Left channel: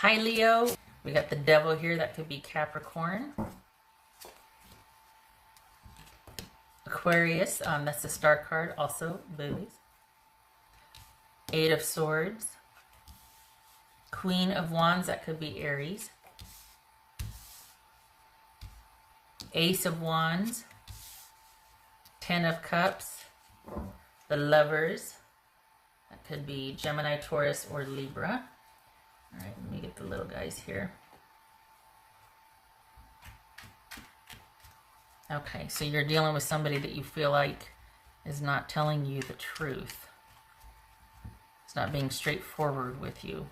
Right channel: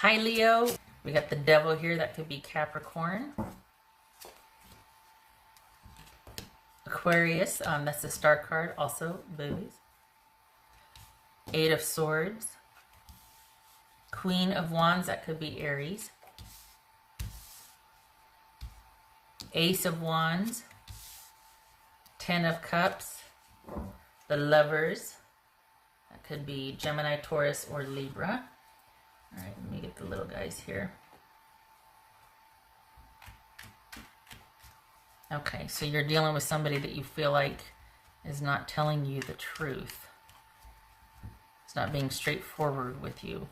Hi, Leo. You got the devil here. That could be Capricorn. Aquarius. That's the star card. Also, boobies. Eight of Swords. Queen of Wands. That could be Aries. Ace of Wands. Ten of Cups. The Lovers. That could be Gemini, Taurus, or Libra. All right, let me get the little guys here. Okay, so you're dealing with somebody that you feel like is not telling you the truth. It's not being straightforward with you.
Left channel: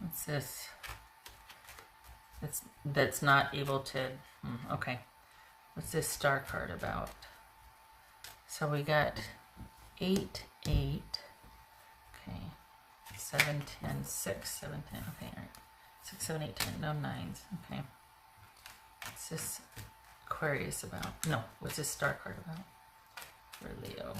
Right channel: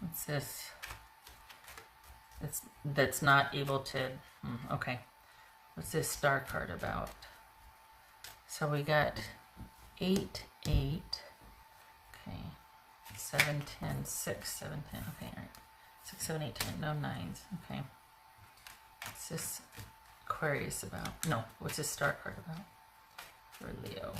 What's this? That's not able to... okay. What's this star card about? So we got 8, 8. Okay. 7, 10, 6, 7, 10. Okay, all right. 6, 7, 8, 10. No, 9s. Okay. What's this Aquarius about? No, what's this star card about? For Leo.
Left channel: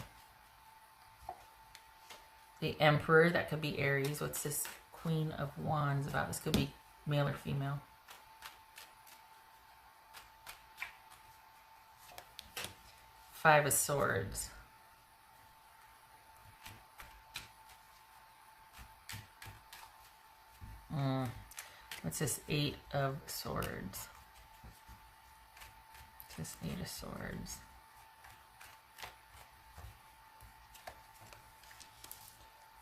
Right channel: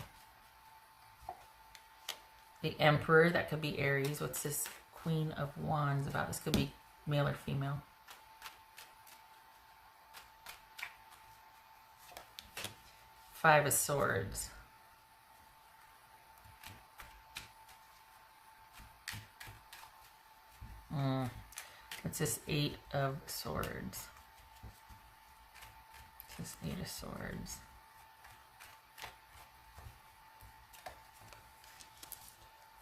The Emperor, that could be Aries. What's this Queen of Wands about? This could be male or female. Five of Swords. What's this Eight of Swords? What's this Eight of Swords?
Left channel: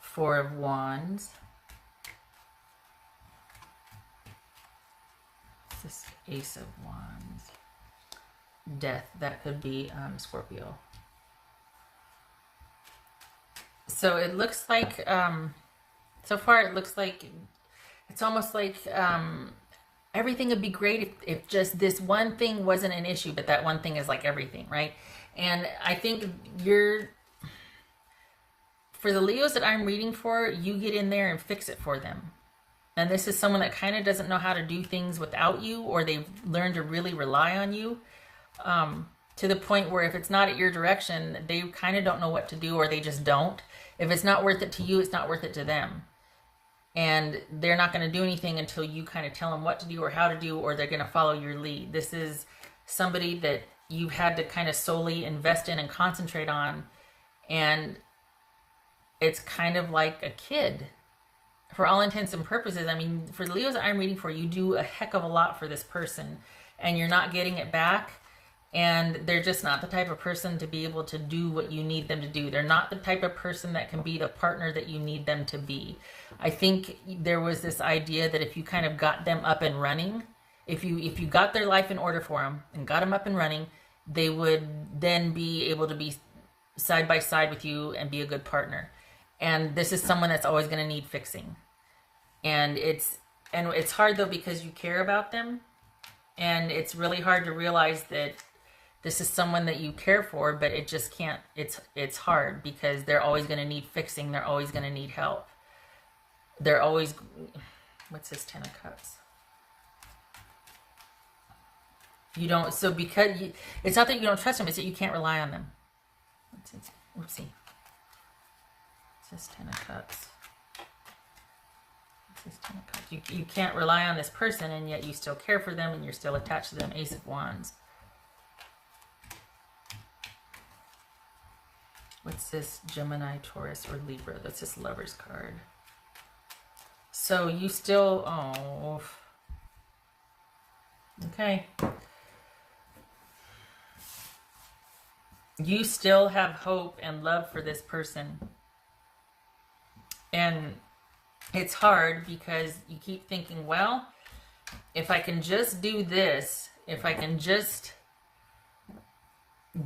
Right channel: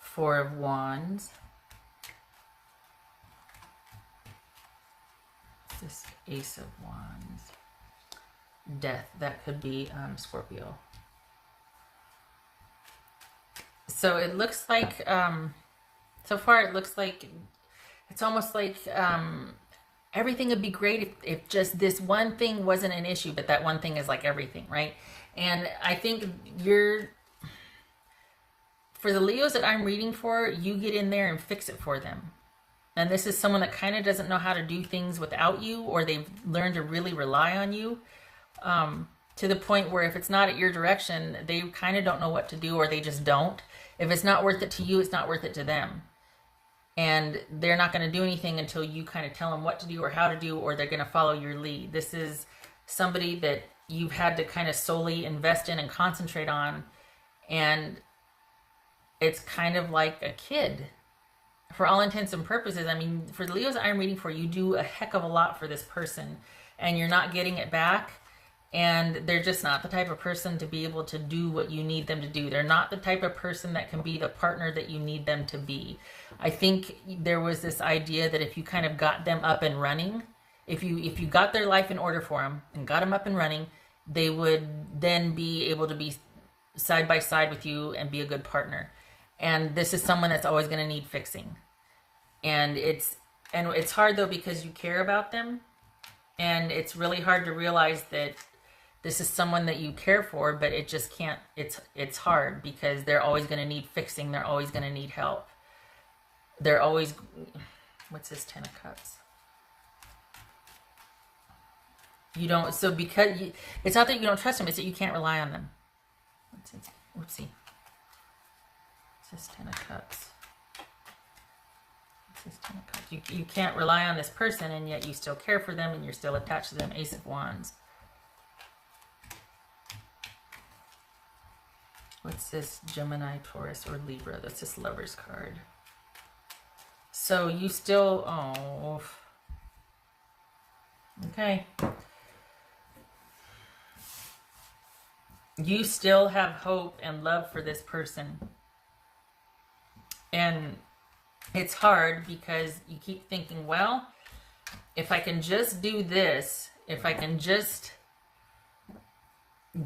Four of Wands. What's this Ace of Wands? Death, that could be Scorpio. So it looks like, so far it looks like, it's almost like everything would be great if just this one thing wasn't an issue, but that one thing is like everything, right? And I think for the Leos that I'm reading for, you get in there and fix it for them. And this is someone that kind of doesn't know how to do things without you, or they've learned to really rely on you. To the point where if it's not at your direction, they kind of don't know what to do, or they just don't. If it's not worth it to you, it's not worth it to them. And they're not going to do anything until you kind of tell them what to do or how to do, or they're going to follow your lead. This is somebody that you've had to kind of solely invest in and concentrate on. And it's kind of like a kid. For all intents and purposes, I mean, for the Leos that I'm reading for, you do a heck of a lot for this person, and you're not getting it back. And they're just not the type of person to be able to do what you need them to do. They're not the type of person that can be the partner that you need them to be. I think there was this idea that if you kind of got them up and running, if you got their life in order for them and got them up and running, they would then be able to be side by side with you and be a good partner. And this is someone that's always going to need fixing. And it's hard though, because you care about them, and it's really hard to realize that this is someone that you care for, but it just can't, it's hard because they're always going to need fixing. They're always going to need help. They're always, what's this Ten of Cups? You don't, so because, it's not that you don't trust them, it's that you can't rely on them. Let's see. What's this Ten of Cups? What's this Ten of Cups? You can't rely on this person, and yet you still care for them, and you're still attached to them. Ace of Wands. What's this Gemini, Taurus, or Libra? That's this Lover's card. So you still, oh, okay. You still have hope and love for this person. And it's hard because you keep thinking, well, if I can just do this, if I can just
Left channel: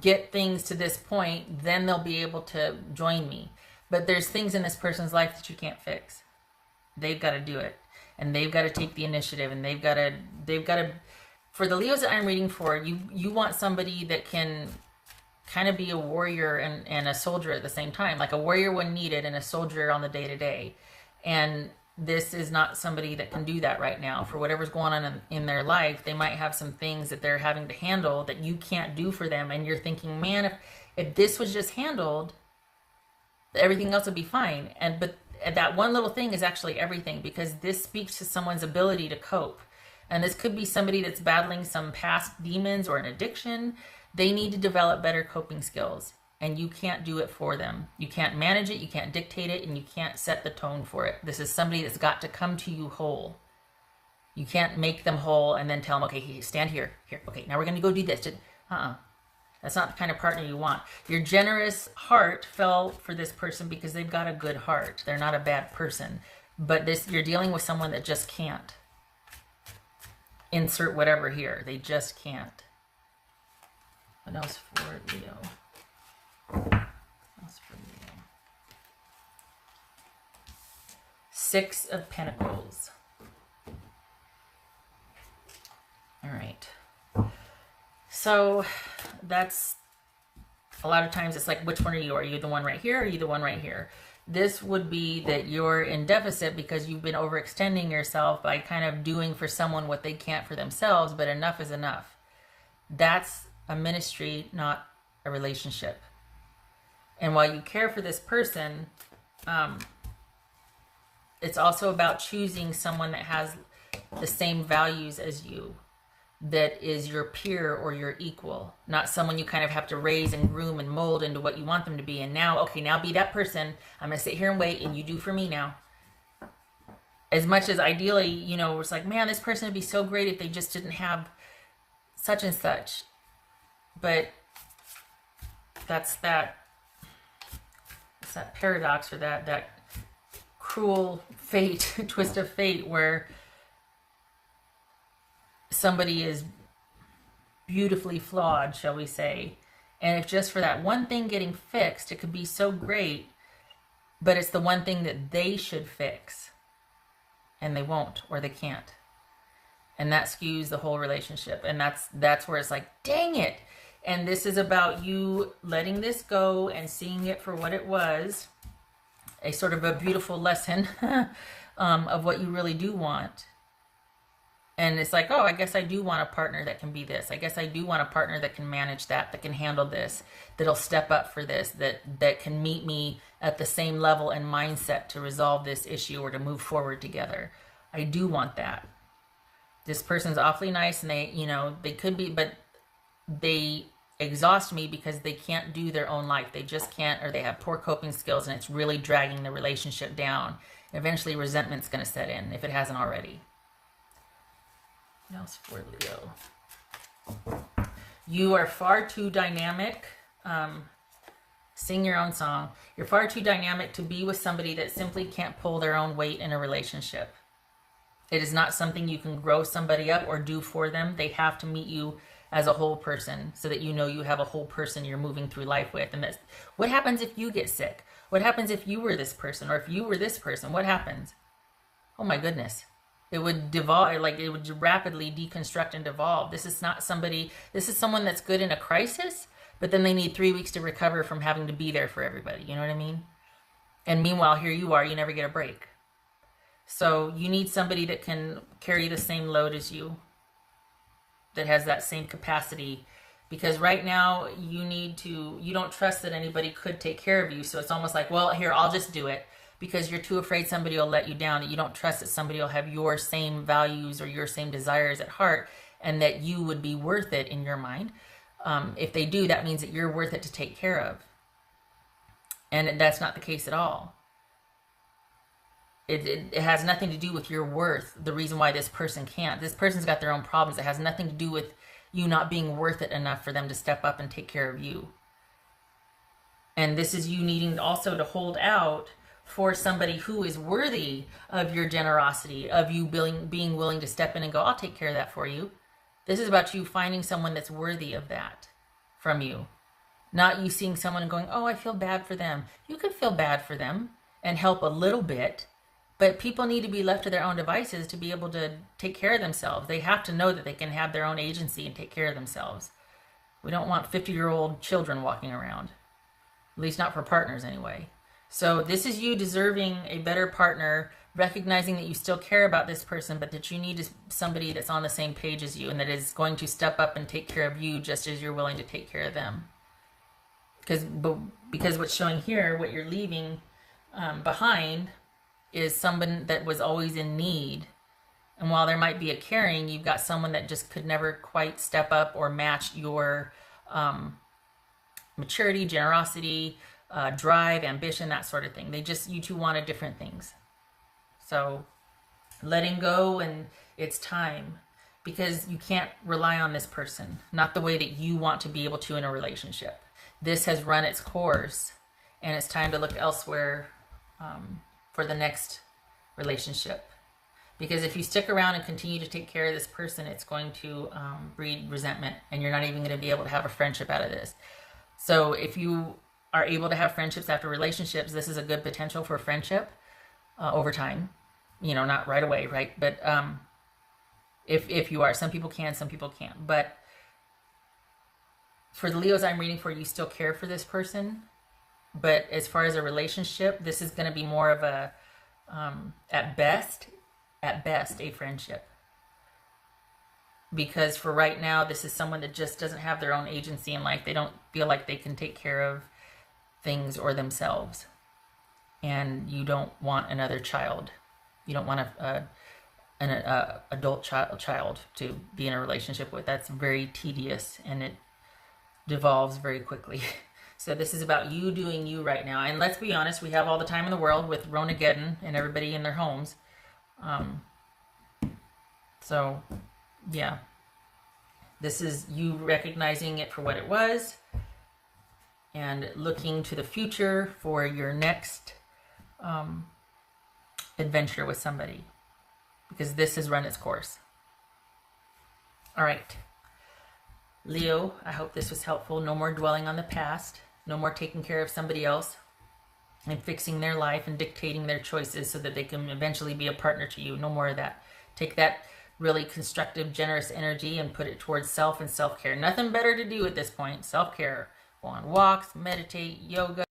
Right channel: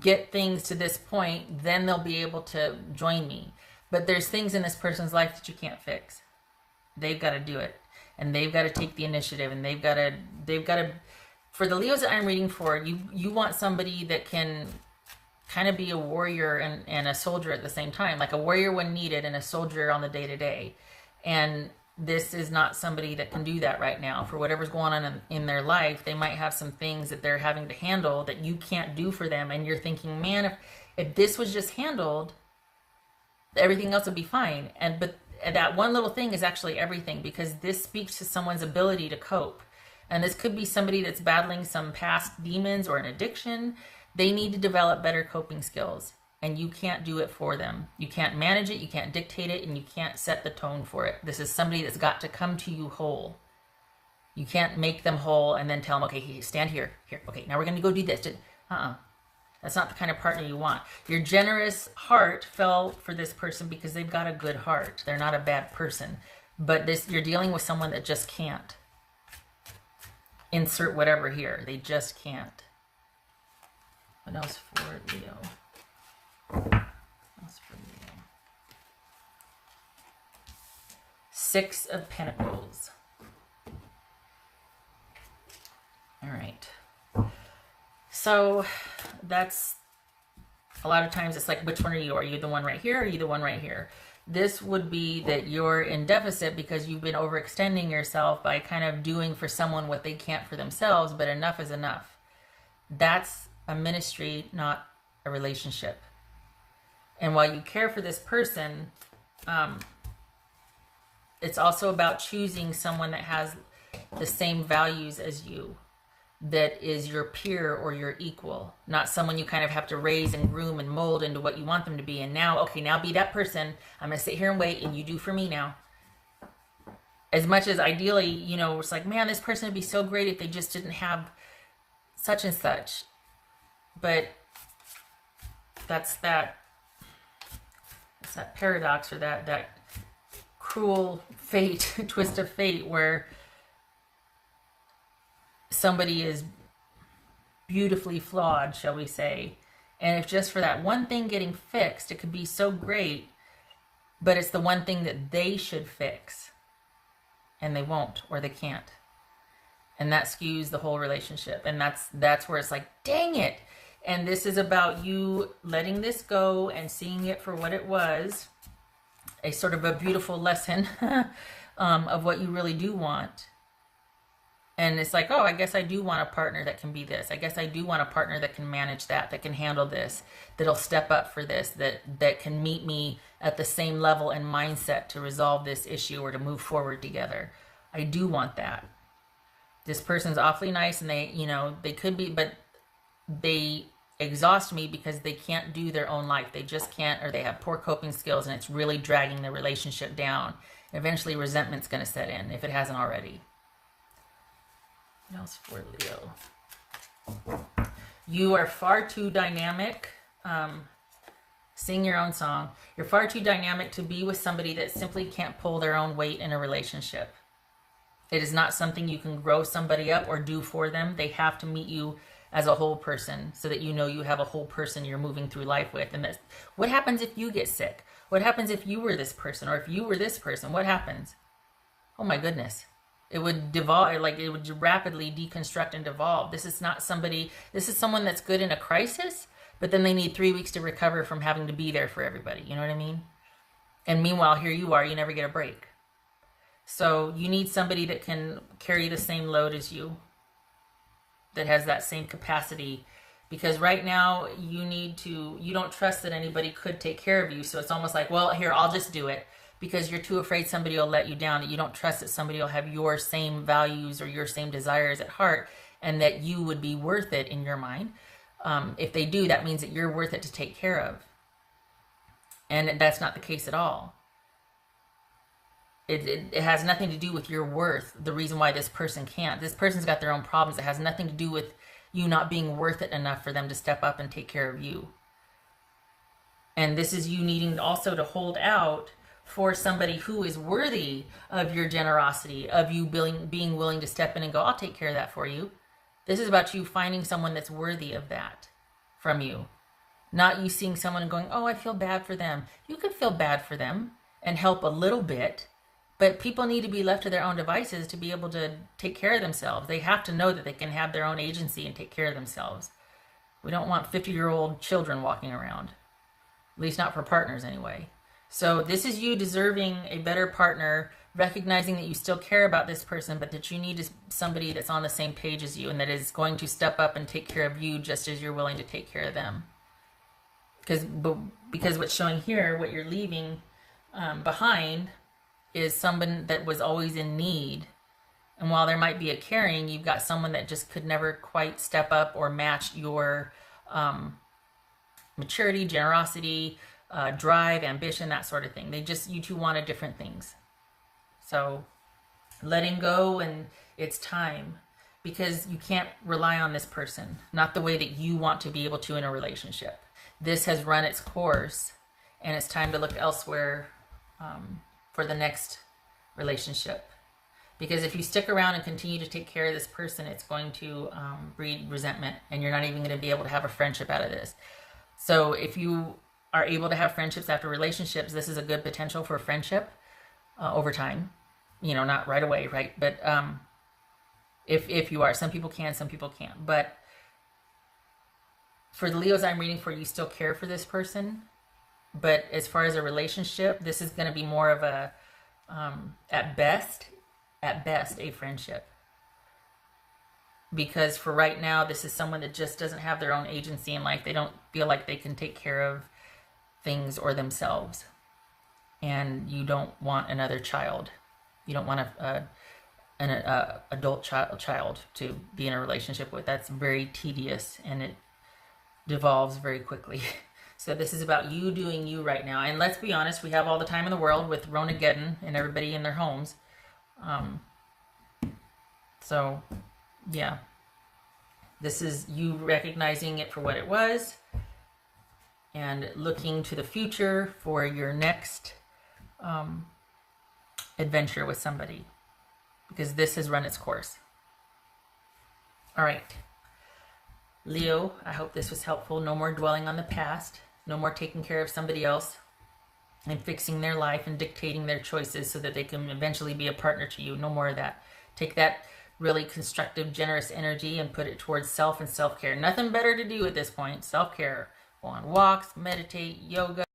get things to this point, then they'll be able to join me. But there's things in this person's life that you can't fix. They've got to do it, and they've got to take the initiative, and they've got to. For the Leos that I'm reading for, you want somebody that can kind of be a warrior and a soldier at the same time, like a warrior when needed and a soldier on the day-to-day. And this is not somebody that can do that right now. For whatever's going on in their life, they might have some things that they're having to handle that you can't do for them. And you're thinking, man, if this was just handled, everything else would be fine. that one little thing is actually everything, because this speaks to someone's ability to cope. And this could be somebody that's battling some past demons or an addiction. They need to develop better coping skills, and you can't do it for them. You can't manage it, you can't dictate it, and you can't set the tone for it. This is somebody that's got to come to you whole. You can't make them whole and then tell them, okay, stand here. Here, okay, now we're going to go do this. That's not the kind of partner you want. Your generous heart fell for this person because they've got a good heart. They're not a bad person. But you're dealing with someone that just can't. Insert whatever here. They just can't. What else for Leo? What else for Leo? 6 of Pentacles. All right. So that's a lot of times it's like, which one are you? Are you the one right here? Or are you the one right here? This would be that you're in deficit because you've been overextending yourself by kind of doing for someone what they can't for themselves, but enough is enough. That's a ministry, not a relationship. And while you care for this person, it's also about choosing someone that has the same values as you, that is your peer or your equal, not someone you kind of have to raise and groom and mold into what you want them to be. And now, okay, now be that person. I'm going to sit here and wait, and you do for me now. As much as ideally, you know, it's like, man, this person would be so great if they just didn't have such and such. But that's that paradox, or that cruel fate, twist of fate, where somebody is beautifully flawed, shall we say, and if just for that one thing getting fixed, it could be so great, but it's the one thing that they should fix, and they won't, or they can't, and that skews the whole relationship. And that's where it's like, dang it. And this is about you letting this go and seeing it for what it was, a sort of a beautiful lesson of what you really do want. And it's like, oh, I guess I do want a partner that can be this. I guess I do want a partner that can manage that can handle this, that'll step up for this, that can meet me at the same level and mindset to resolve this issue or to move forward together. I do want that. This person's awfully nice, and they could be, but they exhaust me because they can't do their own life. They just can't, or they have poor coping skills, and it's really dragging the relationship down. Eventually resentment's going to set in if it hasn't already. What else for Leo? You are far too dynamic. Sing your own song. You're far too dynamic to be with somebody that simply can't pull their own weight in a relationship. It is not something you can grow somebody up or do for them. They have to meet you as a whole person, so that you know you have a whole person you're moving through life with. And that's what happens if you get sick. What happens if you were this person, or if you were this person? What happens? Oh my goodness. It would devolve, like it would rapidly deconstruct and devolve. This is not somebody, this is someone that's good in a crisis, but then they need 3 weeks to recover from having to be there for everybody. You know what I mean? And meanwhile, here you are, you never get a break. So you need somebody that can carry the same load as you, that has that same capacity. Because right now you don't trust that anybody could take care of you. So it's almost like, well, here, I'll just do it. Because you're too afraid somebody will let you down, that you don't trust that somebody will have your same values or your same desires at heart, and that you would be worth it in your mind. If they do, that means that you're worth it to take care of. And that's not the case at all. It has nothing to do with your worth, the reason why this person can't. This person's got their own problems. It has nothing to do with you not being worth it enough for them to step up and take care of you. And this is you needing also to hold out for somebody who is worthy of your generosity, of you being willing to step in and go, I'll take care of that for you. This is about you finding someone that's worthy of that from you. Not you seeing someone and going, oh, I feel bad for them. You can feel bad for them and help a little bit, but people need to be left to their own devices to be able to take care of themselves. They have to know that they can have their own agency and take care of themselves. We don't want 50-year-old children walking around, at least not for partners anyway. So this is you deserving a better partner, recognizing that you still care about this person, but that you need somebody that's on the same page as you and that is going to step up and take care of you just as you're willing to take care of them. Because what's showing here, what you're leaving behind, is someone that was always in need. And while there might be a caring, you've got someone that just could never quite step up or match your maturity, generosity, drive, ambition, that sort of thing. You two wanted different things. So letting go, and it's time, because you can't rely on this person, not the way that you want to be able to in a relationship. This has run its course, and it's time to look elsewhere for the next relationship. Because if you stick around and continue to take care of this person, it's going to breed resentment, and you're not even going to be able to have a friendship out of this. So if you are able to have friendships after relationships, this is a good potential for friendship over time. You know, not right away, right? But if you are, some people can, some people can't. But for the Leos I'm reading for, you still care for this person. But as far as a relationship, this is going to be more of a, at best, a friendship. Because for right now, this is someone that just doesn't have their own agency in life. They don't feel like they can take care of things or themselves. And you don't want another child. You don't want an adult child to be in a relationship with. That's very tedious, and it devolves very quickly. So this is about you doing you right now. And let's be honest, we have all the time in the world with Ronageddon and everybody in their homes. So, yeah. This is you recognizing it for what it was and looking to the future for your next adventure with somebody, because this has run its course. All right. Leo, I hope this was helpful. No more dwelling on the past. No more taking care of somebody else and fixing their life and dictating their choices so that they can eventually be a partner to you. No more of that. Take that really constructive, generous energy and put it towards self and self-care. Nothing better to do at this point. Self-care. Going on walks, meditate, yoga,